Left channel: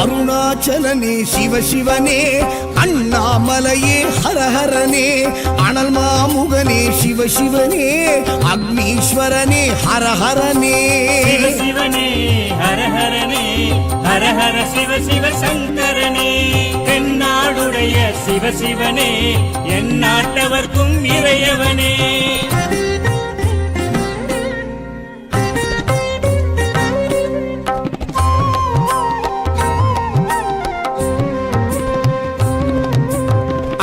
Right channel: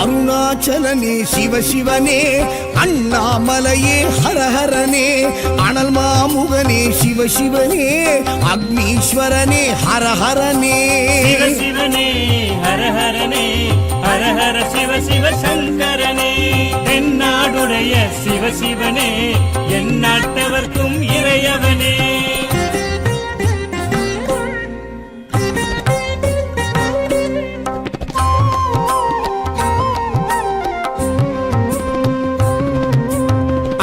அருணாச்சலனே சிவசிவனே, அண்ணாமலையே ஹரஹரனே, அனல் மாமுகனே சிவசிவனே, அக்னீஸ்வரனே ஹரஹரனே. சிவசிவனே ஹரஹரனே, ஹரஹர சிவ சிவ சங்கரனே, தென்னாடுடைய சிவசிவனே, என் நாட்டவர்க்கும் இறையவனே.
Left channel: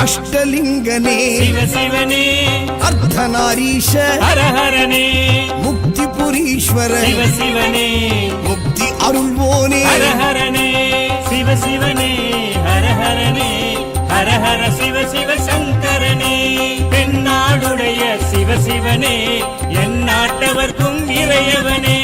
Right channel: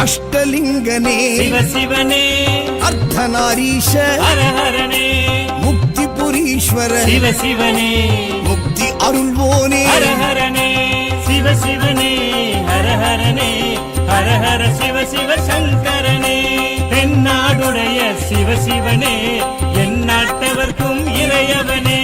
அஷ்டலிங்கனே சிவசிவனே, அர்த்தநாரீஷ ஹரஹரனே, முக்திபுரீஸ்வர சிவசிவனே, முக்தி அருள்வோனே. ஹரஹரனே சிவசிவனே, ஹரஹரனே, ஹரஹர சிவ சிவ சங்கரனே, தென்னாடுடைய சிவசிவனே, என் நாட்டவர்க்கும் இறையவனே.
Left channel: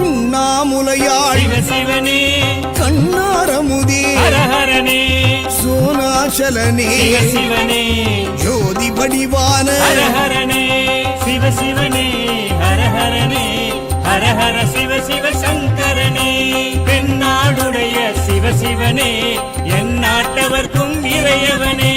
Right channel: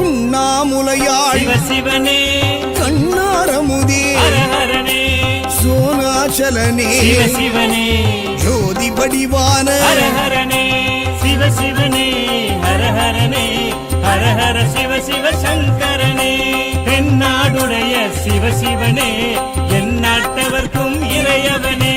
உண்ணாமுலையாள் சிவசிவனே, கண்ணாரமுதே ஹரஹரனே, சோனாச்சலனே சிவசிவனே, ஜோதி வடிவான ஹரஹரனே சிவசிவனே, ஹரஹரனே, ஹரஹர சிவ சிவ சங்கரனே, தென்னாடுடைய சிவசிவனே, என் நாட்டவர்க்கும் இறையவனே.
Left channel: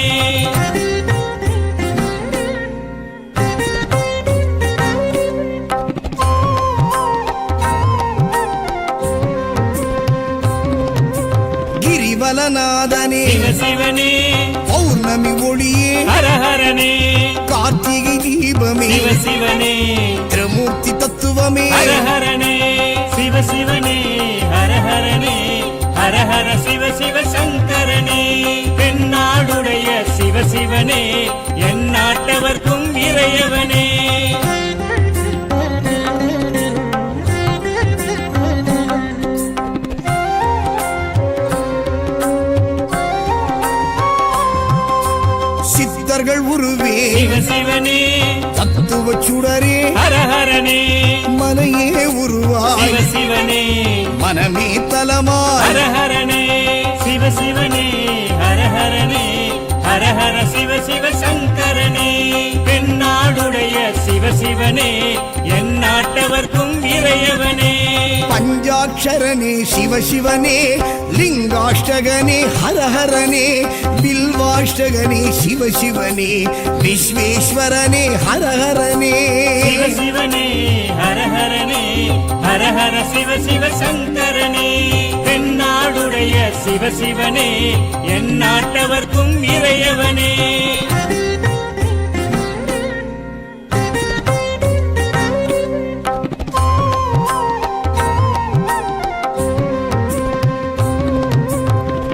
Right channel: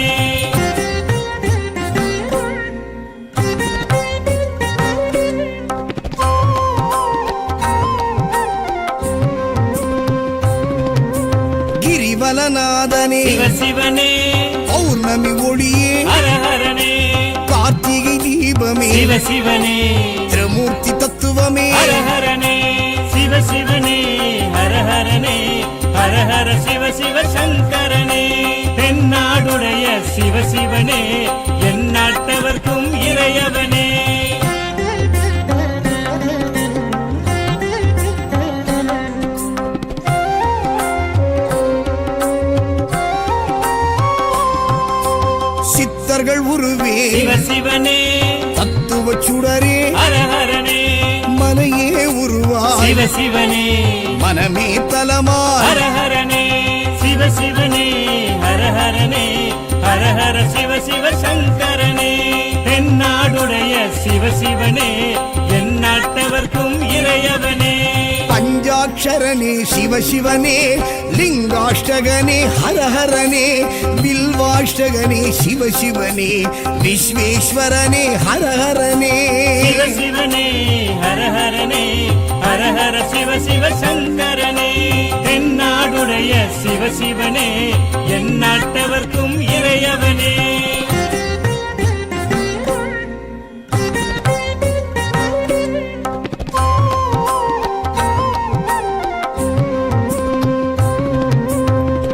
கிரிவலநாதனே சிவசிவனே, பௌர்ணமி ஒளியே ஹரஹரனே, கார்த்திகை தீபமே சிவசிவனே, திரிமூர்த்தி தத்துவமே. ஹரஹரனே சிவசிவனே, ஹரஹரனே, ஹரஹர சிவ சிவ சங்கரனே, தென்னாடுடைய சிவசிவனே, என் நாட்டவர்க்கும் இறையவனே. சித்தர்கள் உருவே சிவசிவனே, தத்துவ சுடரே ஹரஹரனே, மனையே உருவாய் சிவசிவனே, மனமே தலமாய். ஹரஹரனே சிவசிவனே, ஹரஹரனே, ஹரஹர சிவ சிவ சங்கரனே, தென்னாடுடைய சிவசிவனே, என் நாட்டவர்க்கும் இறையவனே. பஞ்சாட்சரனே சிவசிவனே, லிங்காஷ்டகனே ஹரஹரனே, பில்வாஷ்டகனே சிவசிவனே, விஸ்வேஸ்வரனே ஹரஹரனே. சிவசிவனே, ஹரஹரனே, ஹரஹர சிவ சிவ சங்கரனே, தென்னாடுடைய சிவசிவனே, என் நாட்டவர்க்கும் இறையவனே.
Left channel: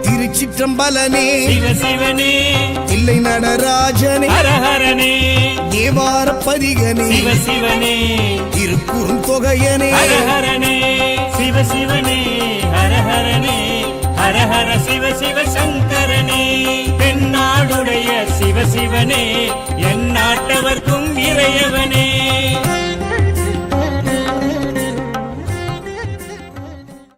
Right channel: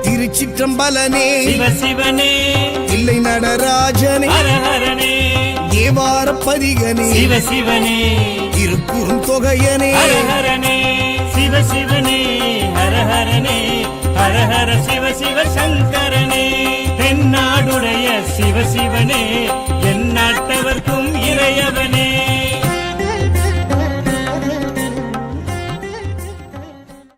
திருச்சிற்றம்பலனே சிவசிவனே, தில்லை நடராஜனே, ஹரஹரனே, தேவார பதிகனே, சிவசிவனே, திருக்குறுந்தொகையனே. ஹரஹரனே சிவசிவனே, ஹரஹரனே, ஹரஹர சிவ சிவ சங்கரனே, தென்னாடுடைய சிவசிவனே, என் நாட்டவர்க்கும் இறையவனே.